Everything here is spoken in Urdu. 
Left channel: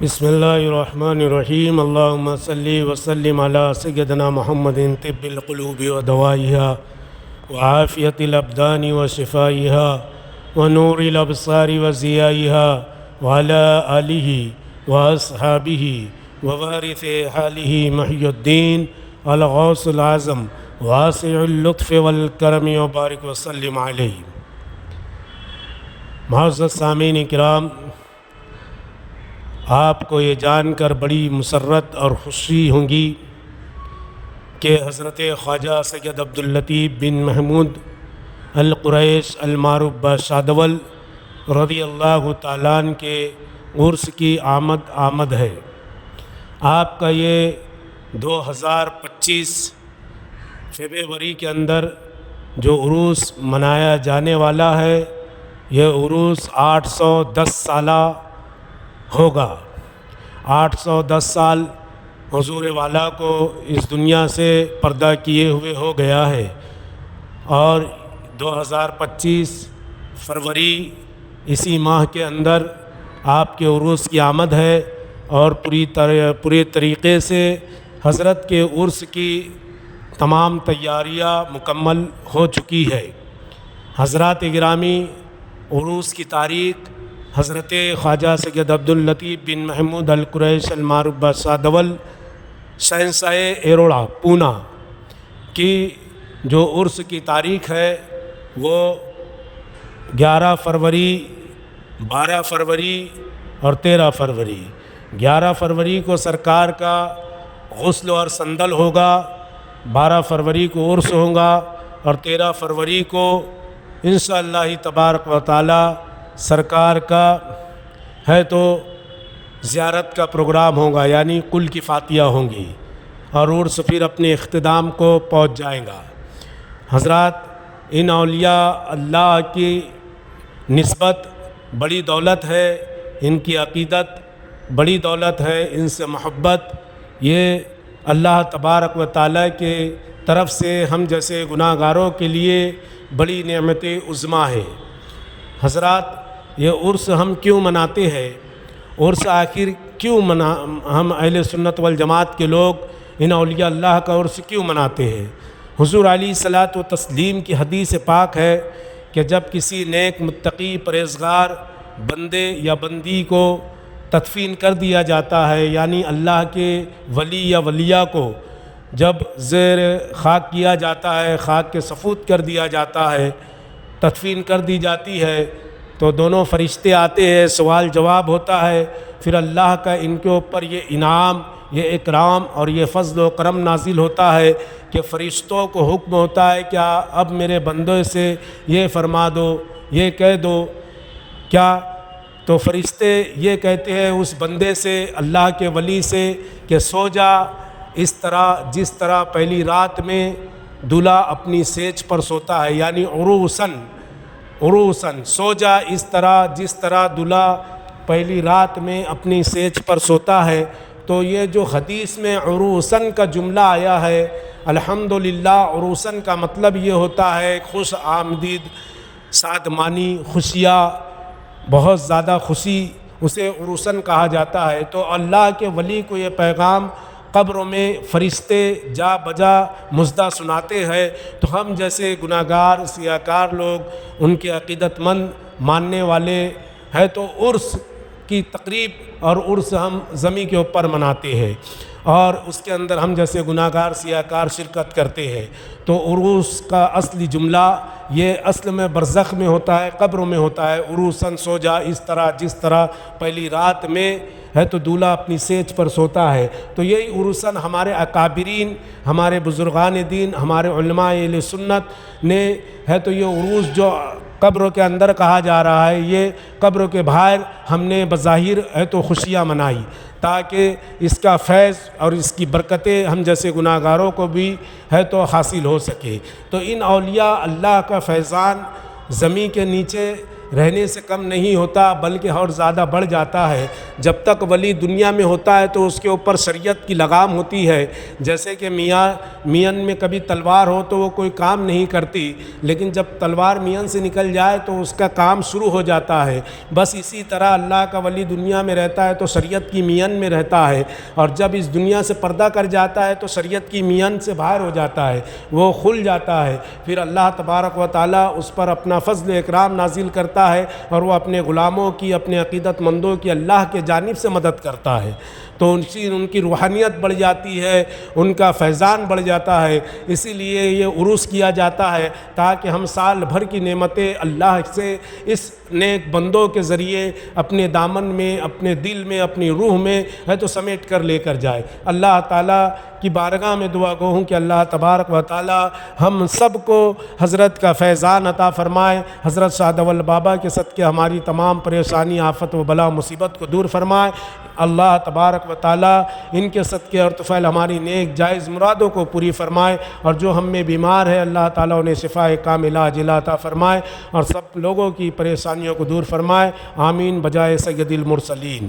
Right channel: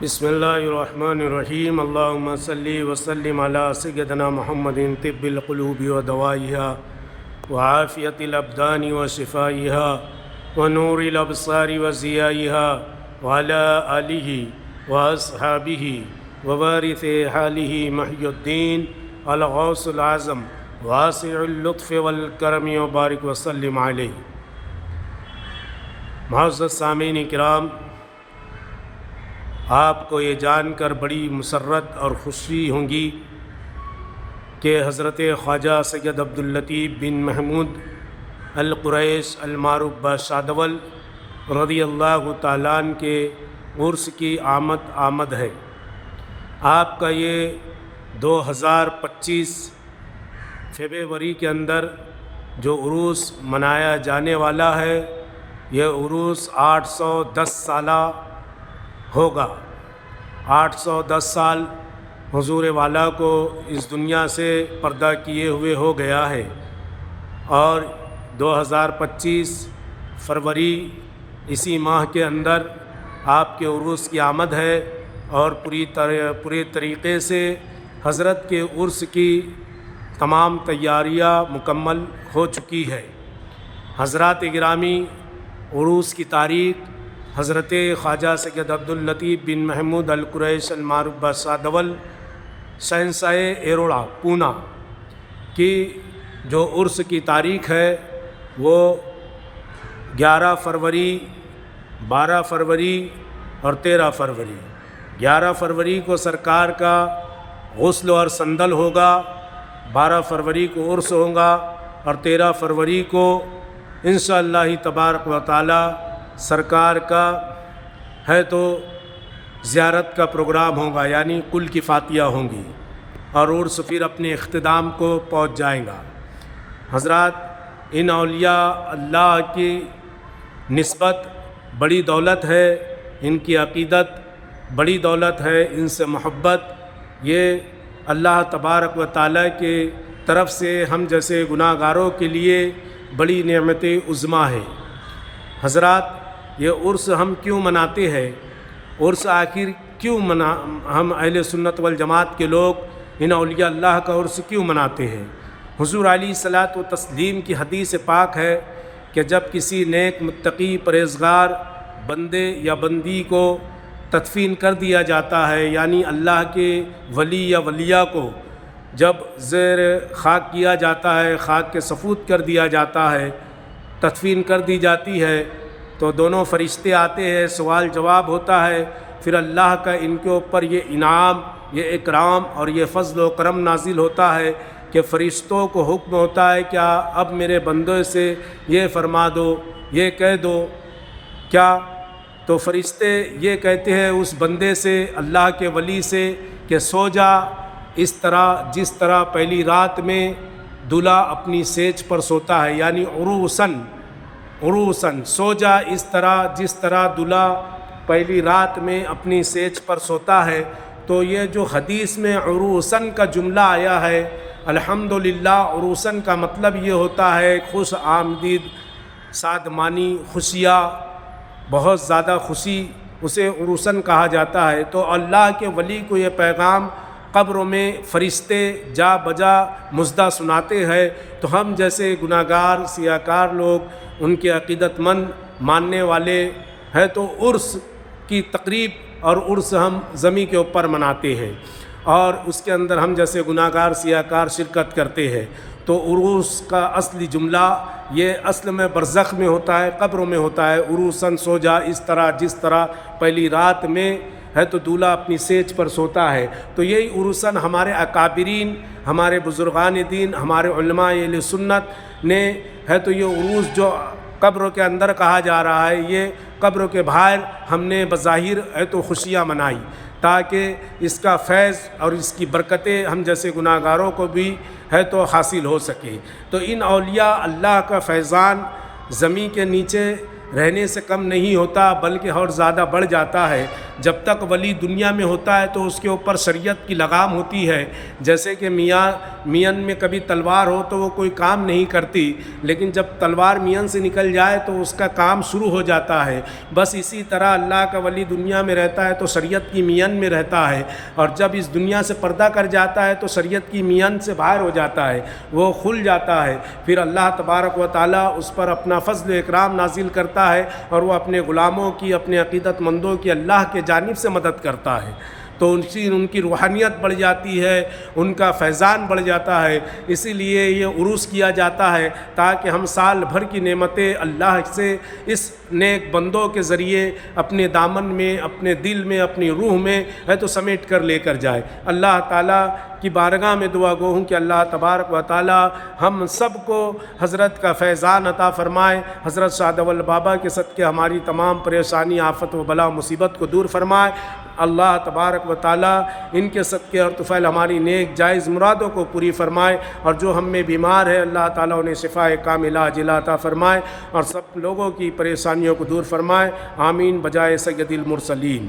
بسم اللہ الرحمن الرحیم اللہم صلی وسلم علی سیدنا محمد طب القلوب و دوائها وعافیت الابدان و شفائها ونور الابصار و ضیائها وعلی آلہ و اصحابہ ووارث حالہ محی الدین الغوث العظم واسع اللطف والکرم وبارک وسلم علیہ۔ معزز سامعین کرام، آپ کو یہ جان کر بڑی مسرت اور خوشی ہوں گی کہ حضرت خواجہ سید عبداللطیف بن محمود القریش المعروف بشادول رضی اللہ تعالیٰ عنہ کے عرس کی آمد ہے۔ آپ کا یہ 2025 فروری کے اندر جو عروس منایا جانے والا ہے، یہ عروس 810 سالہ ہوگا۔ 810 سال حضور والا کو اس دنیا سے پردہ کیے ہوئے ہو گیا ہے، اور 2025 فروری اسی ماہ کے اندر آپ کے عروس کی آمد ہے، اور پوری طریقے سے حضرت کے عرس کی تمام تیاریاں مکمل ہو چکی ہے۔ حضرات گرامی، عروس کی تاریخ حضرت خواجہ سید عبداللطیف بن محمود القریش المعروف بشادول شہنشاہ ایروڑا پونا کی جو عرس کی تاریخ ہے وہ 11 فروری، 12 فروری اور 13 فروری۔ 11 فروری کو سرکار کا غسل اور سندل ہوگا، 12 فروری کو عرس ہوگا، اور 13 فروری کو انشاءاللہ تبارک و تعالی سرکار کا ہے تو زیارت کا پروگرام ہوگا، یعنی کل کی فاتحہ ہوں گی، اور عرس پھر اپنے اختتام کو پہنچ جائیں گا۔ حضرات، ان اولیاء اللہ کی نسبت بڑی دولت ہے، ان کی عقیدت بڑی دولت ہے، ان سے محبت یہ اللہ تبارک و تعالیٰ کے طرف سے ہم جیسے گناہ گاروں کے لیے بڑی نعمت عظمیٰ ہے۔ حضرات، یہ عرس ہم کیوں مناتے ہیں؟ عرس آخر کیوں ہم اہل سنت والجماعت کے لوگ ان اولیاء اللہ کا عرس کیوں مناتے ہیں؟ حضور علیہ الصلاۃ والتسلیم کی حدیث پاک ہے کہ جب کسی نیک متقی پرہیزگار بندے یا بندی کو تدفین کر دیا جاتا ہے، یعنی اللہ کے ولی یا ولیہ کو جب زیر خاک کیا جاتا ہے، خاک کے سفود کر دیا جاتا ہے، تدفین کر دی جاتی ہے، تو دونوں فرشتے آتے ہیں، سوال جواب ہوتا ہے، پھر اللہ کا ان کے اوپر یہ انعام، یہ اکرام اور یہ فضل و کرم نازل ہوتا ہے کہ فرشتوں کو حکم ہوتا ہے کیا اب میرے بندے سے یہ فرما دو، یہ کہہ دو کیا؟ تو فرشتے یہ کہتے ہیں اس بندے سے، اللہ کے ولی سے، کہ سو جا اس طرح جس طرح پہلی رات میں دلہا اپنی سیج پر سوتا ہے، یعنی عروسن سو جا اس طرح جس طرح دلہا پہلی رات میں اپنی سیج پر سوتا ہے۔ تو یہ جو حدیث میں عروسن کا جملہ آیا ہے، الحمدللہ عروسن کا مطلب یہ ہوتا ہے خوش آمدید، شادمانی، خوشیاں، بہت زیادہ خوشی، اسے عروسن کہا جاتا ہے۔ تو اللہ کے ولی کو یہ پیغام قبروں میں فرشتے جا بجا مژدہ سناتے ہیں، تو ہم جیسے گناہ گار سیاہکار لوگ، ان کے عقیدت مند ماننے والے ہیں، تو عرس کی تقریب اور عرس ہم زمین کے اوپر مناتے ہیں، اور اس کے اندر ہم جیسے گناہ گار سیاہکار شرکت کرتے ہیں۔ تو عروس کا اصلی جملہ یہ اصل میں برزخ میں ہوتا ہے، قبروں میں ہوتا ہے، عروسن سو جا اس طرح جس طرح پہلی رات میں ہے تو دولہا اپنی سیج پر سوتا ہے۔ تو یہی عروسن ہمارے اکابرین، ہمارے بزرگان دین، ہمارے علماء اہل سنت نے ہے تو یہ عروس جو قبروں کے اندر کہا جا رہا ہے، یہ قبروں کے باہر ہم نے بظاہر ہے تو خوشیاں منائی، تاکہ اس کا فیض اور اس کی برکتیں ہم جیسے گناہ گاروں کو بھی ہے تو حاصل ہو سکے۔ تو ان اولیاء اللہ کا فیضان زمین کے نیچے رہنے سے کم نہیں ہوتا، بلکہ اور زیادہ بڑھ جاتا ہے۔ جب تک ولی دنیا میں ہوتا ہے تو اس کے اوپر شریعت کی لگام ہوتی ہے، جیسے کہ میاں میان میں کبھی تلوار ہو تو وہ کوئی کام نہیں کرتی، لیکن جب تلوار میان سے نکل جائے تو اس کا کام شروع ہو جاتا ہے۔ بس اسی طرح اللہ کا ولی دنیا میں رہتا ہے تو شریعت کی میان میں رہتا ہے، اور جب اس دنیا سے پردہ کر جاتا ہے تو شریعت کی میان سے باہر ہو جاتا ہے، وہ کھل جاتا ہے۔ پھر اللہ تبارک و تعالیٰ اس پر اپنا فضل و اکرام نازل کرتا ہے، اور وہ اپنے غلاموں کی، اپنے عقیدت مندوں کی اللہ کے جانب سے مدد کرتا ہے، تو ان کی روحانیت بڑھ جاتی ہے، ان کا فیضان بڑھ جاتا ہے۔ اسی لیے یہ عرس کیا جاتا ہے تاکہ ہم سال بھر کی نعمتیں اللہ سے اس نیک بندوں کے ذریعے اپنے دامن میں، اپنے دل میں، اپنی روح میں ہے تو سمیٹ کر لے کر جائے۔ اللہ تعالیٰ کی بارگاہ میں دعا گو ہوں کہ اللہ تبارک و تعالیٰ ہم سب کو حضرت کا فیضان عطا فرمائے، حضرت شاہ اول بابا کے صدقے ہماری تمام پریشانی، آفت و بلا مصیبت کو دور فرمائے۔ اللہ تبارک و تعالیٰ ان کے صدقے اور طفیل ہماری نیک جائز مرادوں کو پوری فرمائے، اور جو ہم میں بیمار ہے اللہ تعالیٰ انہیں شفائے کاملہ عاجلہ عطا فرمائے، اور سب لوگوں کی پریشانیوں کو دور فرمائے۔ آمین بجائے سید المرسلین۔